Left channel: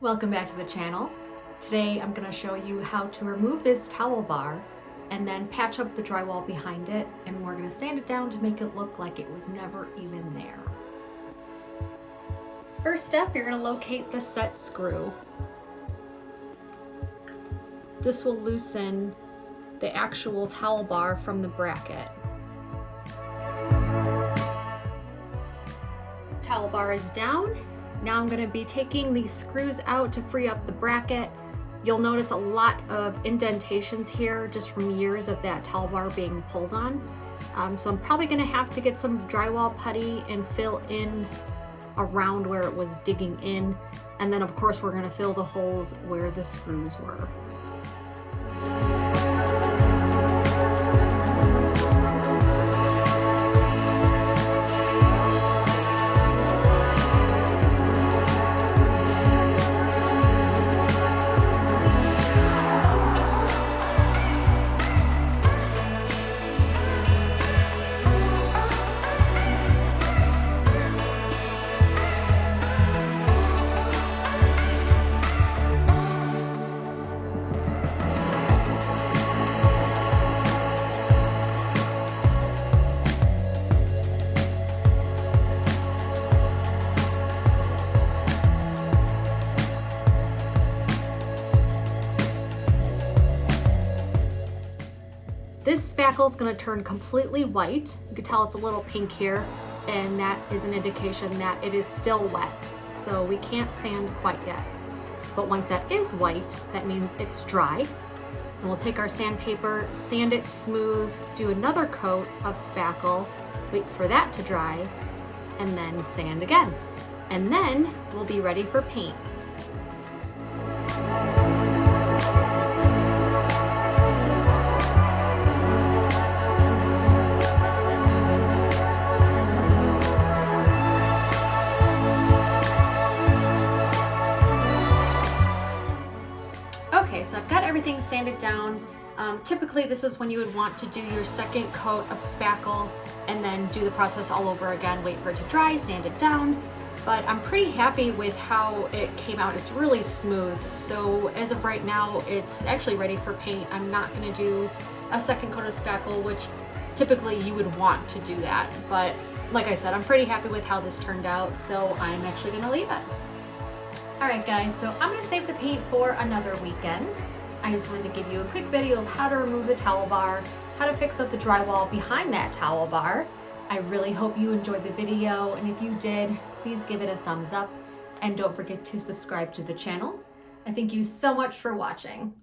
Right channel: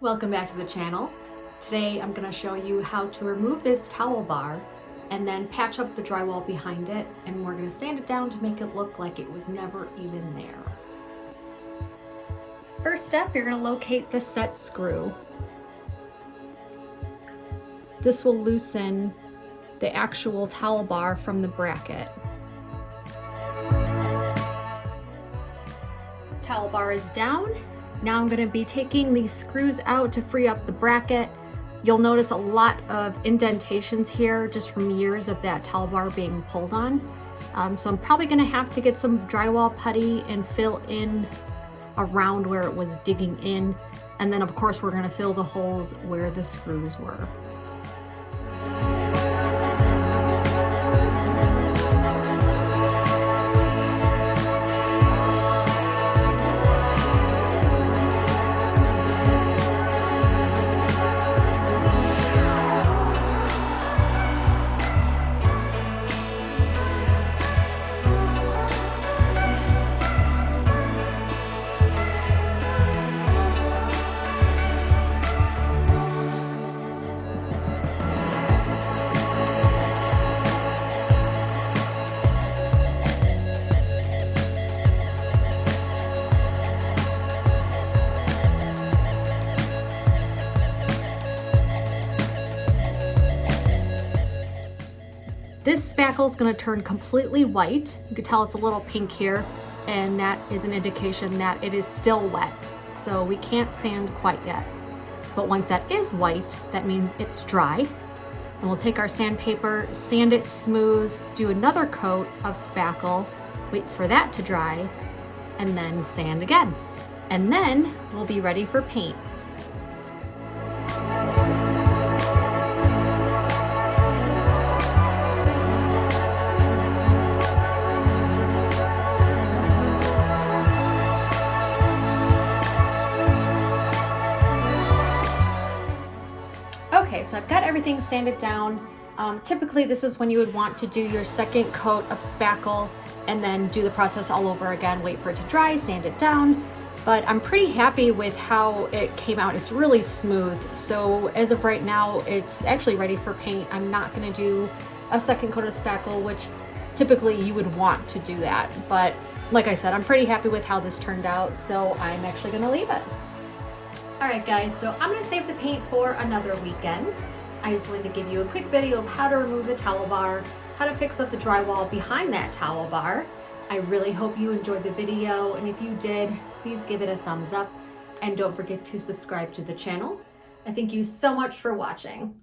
Welcome back to the channel. Today I'm going to show you how to remove this towel bar and then patch up the drywall behind it, and we're going to sand it down to make it look like it was never even there. First step, you're going to locate the set screw. This will loosen the actual towel bar from the bracket. Towel bar is down. Now I'm going to be taking these screws out to free up the bracket. You'll notice a lot of indentations here just from years of that towel bar being pulled on. So I'm probably going to have to get some drywall putty and fill in around where it was digging in. And then of course we're going to fill the holes where the screws were. This spackle is going to turn completely white. You can tell it's a little pink here, and that is an indication that it is still wet. So we can't sand quite yet. But once that is white, that means it's dry. And we'll take our sandpaper, sand it smooth, do another coat of spackle, wait for that to dry, and then sand again. And then we'll be ready for paint. So I've got everything sanded down. Typically this is when you would want to do your second coat of spackle and then do the process all over again, wait for it to dry, sand it down. But I'm pretty happy with how it came out. It's really smooth. So as of right now, it's actually ready for paint. I'm not going to do a second coat of spackle, which typically you would want to do that. But like I said, I'm pretty happy with how this turned out. So I'm actually going to leave it. Alright guys, so I'm going to save the paint for another weekend. I just wanted to give you a quick video of how to remove the towel bar, how to fix up the drywall behind that towel bar. I really hope you enjoyed the video, and if you did, please give it a thumbs up and don't forget to subscribe to the channel. I thank you so much for watching.